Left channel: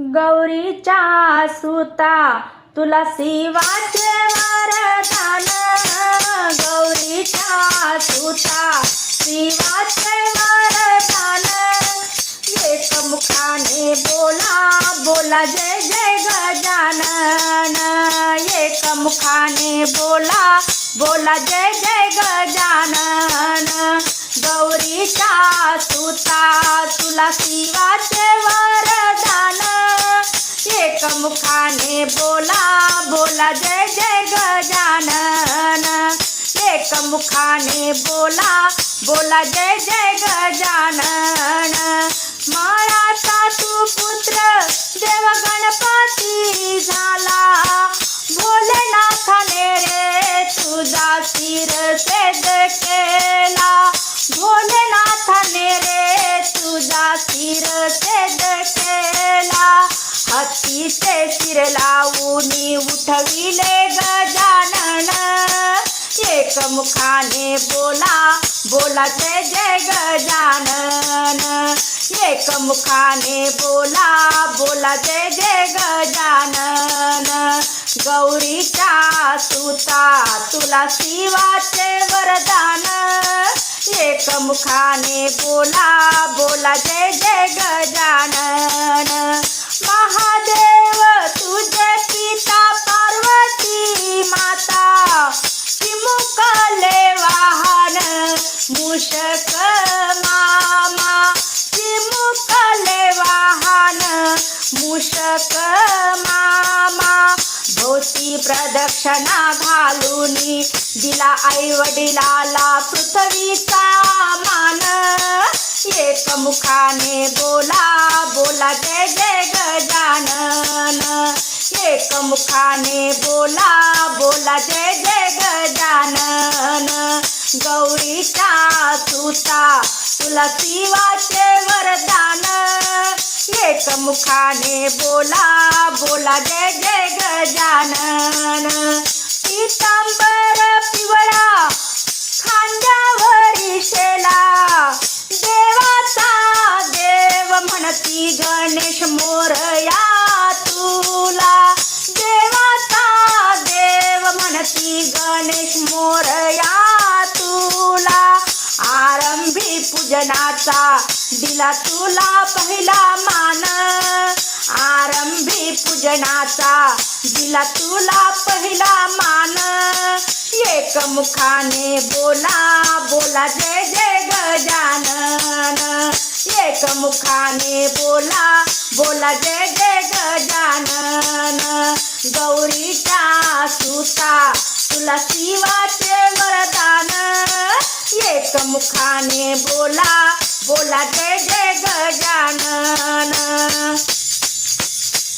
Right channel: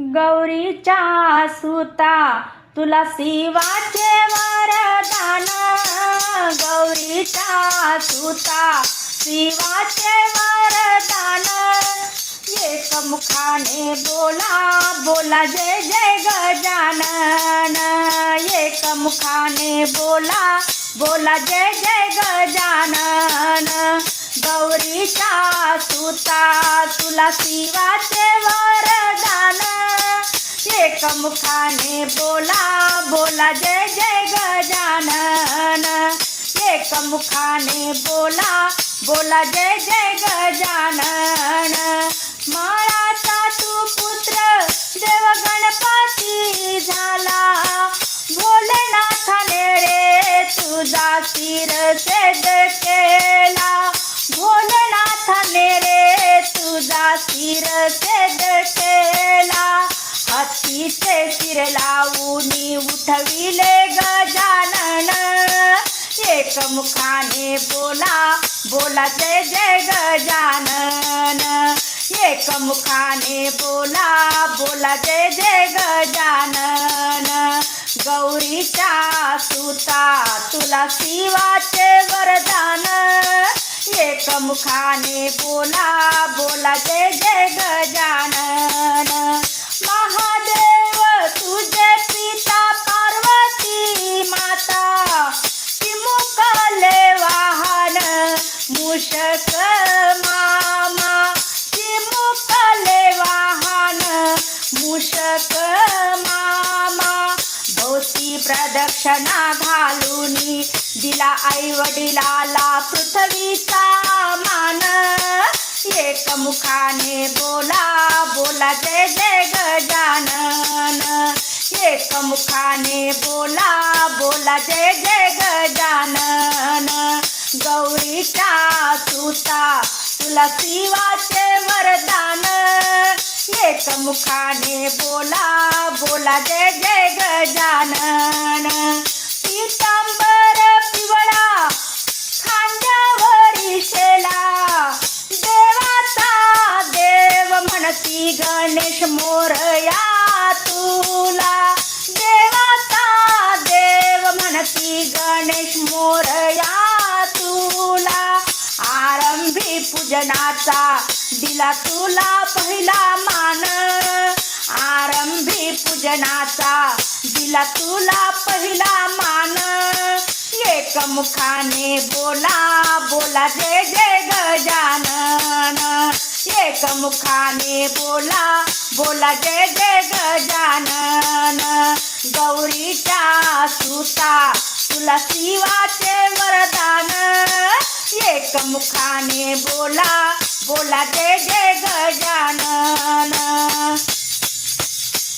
गौरीच्या सुता तुला शिवाचे वरदान. गौरीच्या सुता शिवाचे वरदान. एकमुखाने बोला बोला जय जय गजानन. एकमुखाने बोला बोला जय जय गजानन. गौरीचा सुता तुला शिवाचे वर एकमुखाने बोला बोला जय जय गजानन. एकमुखाने बोला बोला जय जय गजानन. मायाचा तू पुत्र देव गणपती झाला. भोलेनाथाने रे तुझा शिर सेद केला. भोलेनाथाने रे तुझा शिर लावून उठविले गजानन एकमुखाने बोला बोला जय जय गजानन एकमुखाने बोला बोला जय जय गजानन गौरीचा सुता तुला शिवाचे वरदान. एकमुखाने बोला बोला जय मामा. चिमुकले वाहन मूषक मामा. धोती प्रदक्षिणा घालून दिला आई वडिलाला पृथ्वीचा मान. एकमुखाने बोला बोला जय जय गजानन. एकमुखाने बोला बोला जय जय गजानन. गौरीचा तुता तुला शिवाचे वरदान. एकमुखाने बोला बोला जय जय गजानन. पितांबर पिवळा खांद्यावरी शेला. देवाचा देव म्हणती गणेश मोरया. पूजनाचा दिला तुला पहिला मान. आरंभी पूजनाचा दिला तुला पहिला मान. एकमुखाने बोला बोला जय जय गजानन. एकमुखाने बोला बोला जय जय गजानन. गौरीचा सुता तुला शिवाचे वरदान. एकमुखाने बोला बोला जय जय गजानन।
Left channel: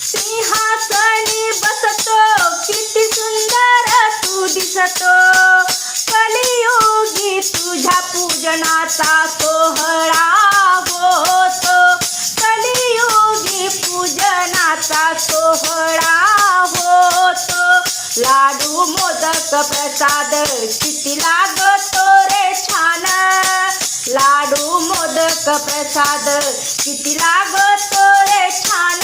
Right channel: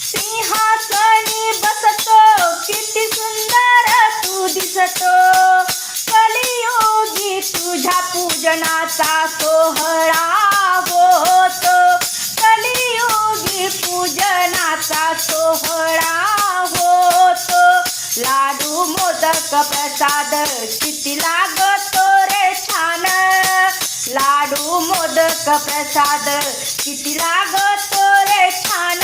सिंहासनी बसतो किती सुंदर तू दिसतो। कलियुगी तुझ्या पूजनाचा सोहळा होतो। कलियुगी पूजनाचा सोहळा होतो। लाडू मोदक प्रसाद किती लागतो छान लाडू मोदक प्रसाद किती लागतो रे छान.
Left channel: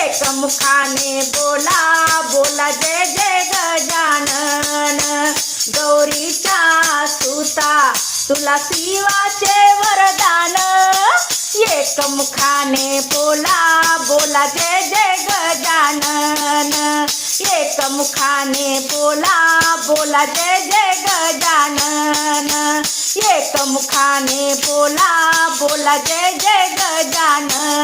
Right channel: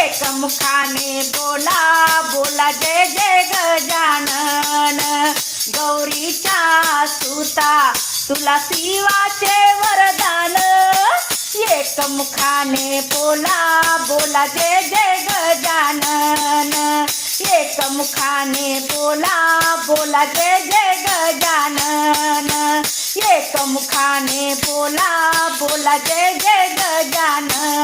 एकमुखाने बोला बोला जय जय गजानन. गौरीचा सुता तुला शिवाचे वरदान. एकमुखाने बोला बोला जय जय गजानन. एकमुखाने बोला बोला जय जय गजानन. एकमुखाने बोला बोला जय जय गजानन.